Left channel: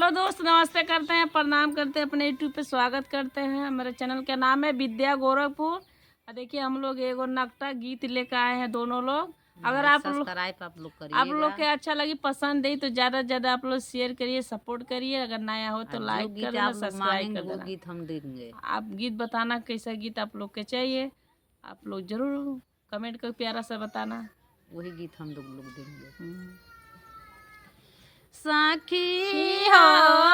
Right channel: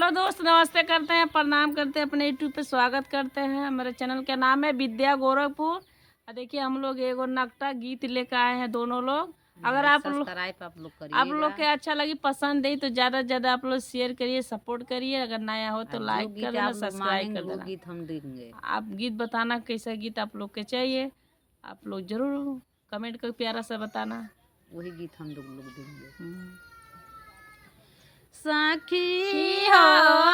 Hello दोस्त, नमस्ते करते हैं, प्रणाम करते हैं, अपने यूट्यूब पे स्वागत करते हैं। मेरे चैनल का नाम है विद्या गोरखपुर। और देखिए हम लोग एगो नकटा गीत लेकर आए हैं दोनों लोग। अगर आप लोग के अच्छा लगी, पसंद है तो ज़्यादा से ज़्यादा आप लोग शेयर करिए, सपोर्ट करिए। अगर नया हो तो लाइक कर देना, सब्सक्राइब कर देना। गीत हम देंगे। आप गीत बताना कैसा गीत आप लोग के चाहिए, आप लोग जरूर कमेंट कर प्यारा सा बताना, वही गीत हम लोग देंगे। सखी हो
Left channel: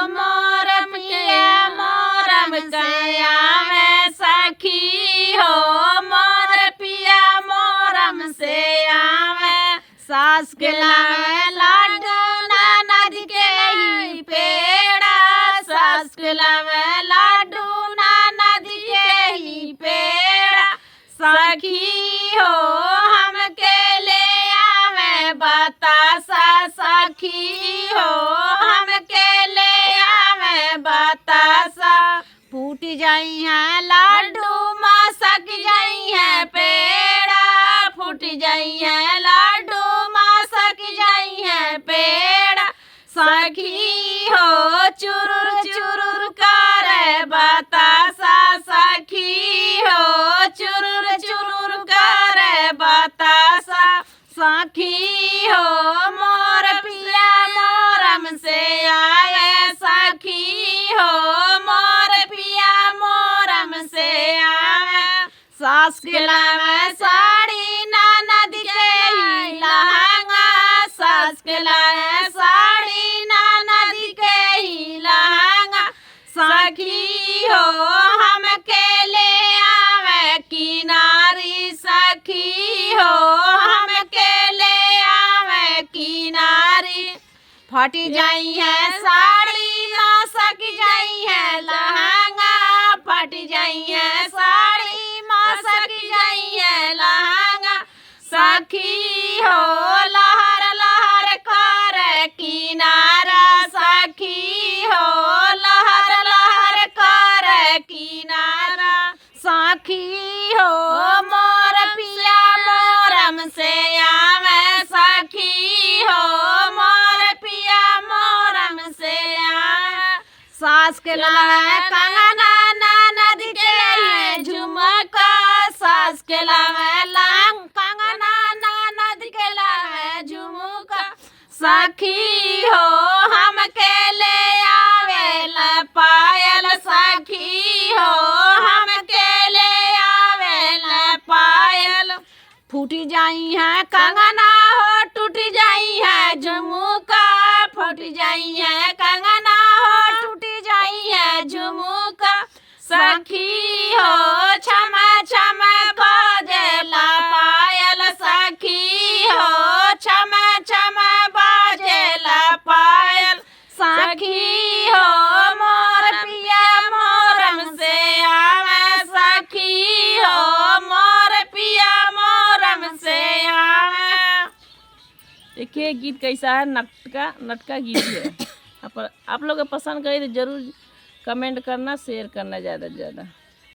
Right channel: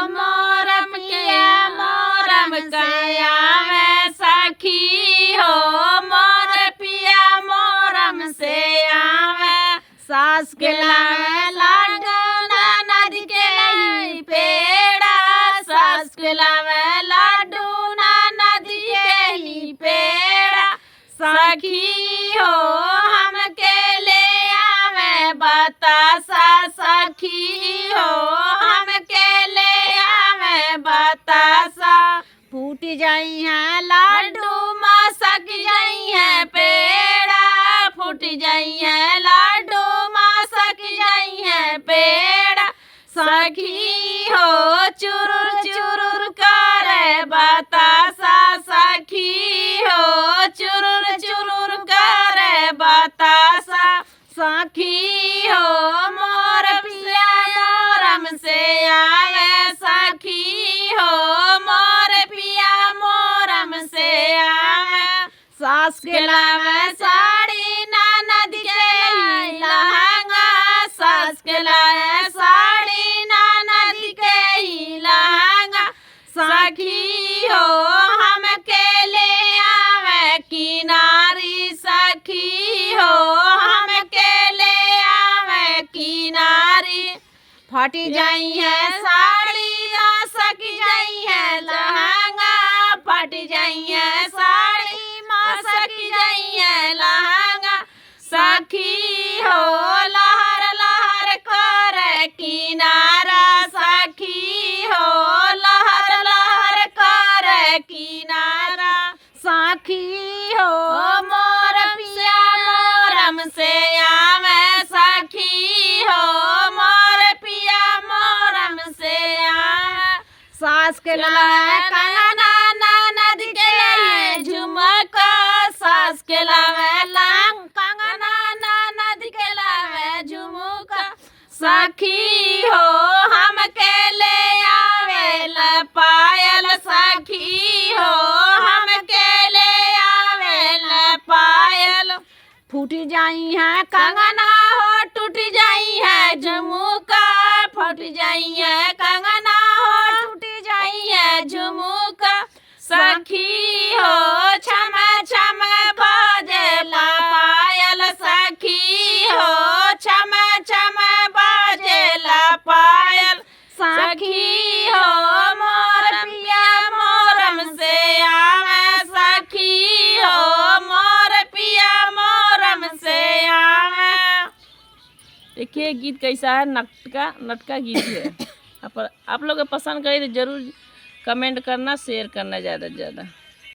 मोरम के मोरम काया में, सखी हो मोर पिया मोरम से आवे। सास के लावे लाडू ननद के ही पेड़ा, सास के लावे लाडू ननद के ही पेड़ा। सखी हो हम के ले आवे बतासा, सखी हो हम के ले आवे बतासा। फूट जाई है लाडू मसक जाई है पेड़ा, फूट जाई है लाडू मसक जाई है पेड़ा। सखी हो चुरुर चुरुर करे बतासा, सखी हो चुरुर चुरुर करे बतासा। सखी हो मोर पिया मोरम से आए, सखी हो मोर पिया मोरम से आए। सास के लावे साड़ी ननद के ही लहंगा, सास के लावे साड़ी ननद के ही लहंगा। सखी हो हम के ले आवे किनारी, सखी हो हम के ले आवे किनारी। फट जाई है साड़ी मसक जाई है लहंगा, फट जाई है साड़ी मसक जाई है लहंगा। सखी हो लहर लहर करे किनारा, सखी हो लहर लहर करे किनारा। सखी हो मोर पिया मोरम से आवे, सखी हो मोर पिया मोरम से आवे। सास के लावे कंगना ननद के है झुमका, सास के लावे लांग कंगना ननद के लावे झुमका। सखी हो हम के ले आवे ला पायल, सखी हो हम के ले आवे ला पायल। फूटी जाई है कंगना हो टूट जाई है झुमका, फूट जाई है कंगना हो टूट जाई है झुमका। सखी हो छम छम बाजेला पायल, सखी हो छम छम बाजेला पायल। सखी हो मोर पिया मोरम से आवे, सखी हो मोर पिया मोरम से आवे। देखिए गीत कैसा है, नटका गीत है। आप लोग पसंद करें तो जरूर कमेंट करना, शेयर करना ज़्यादा से ज़्यादा।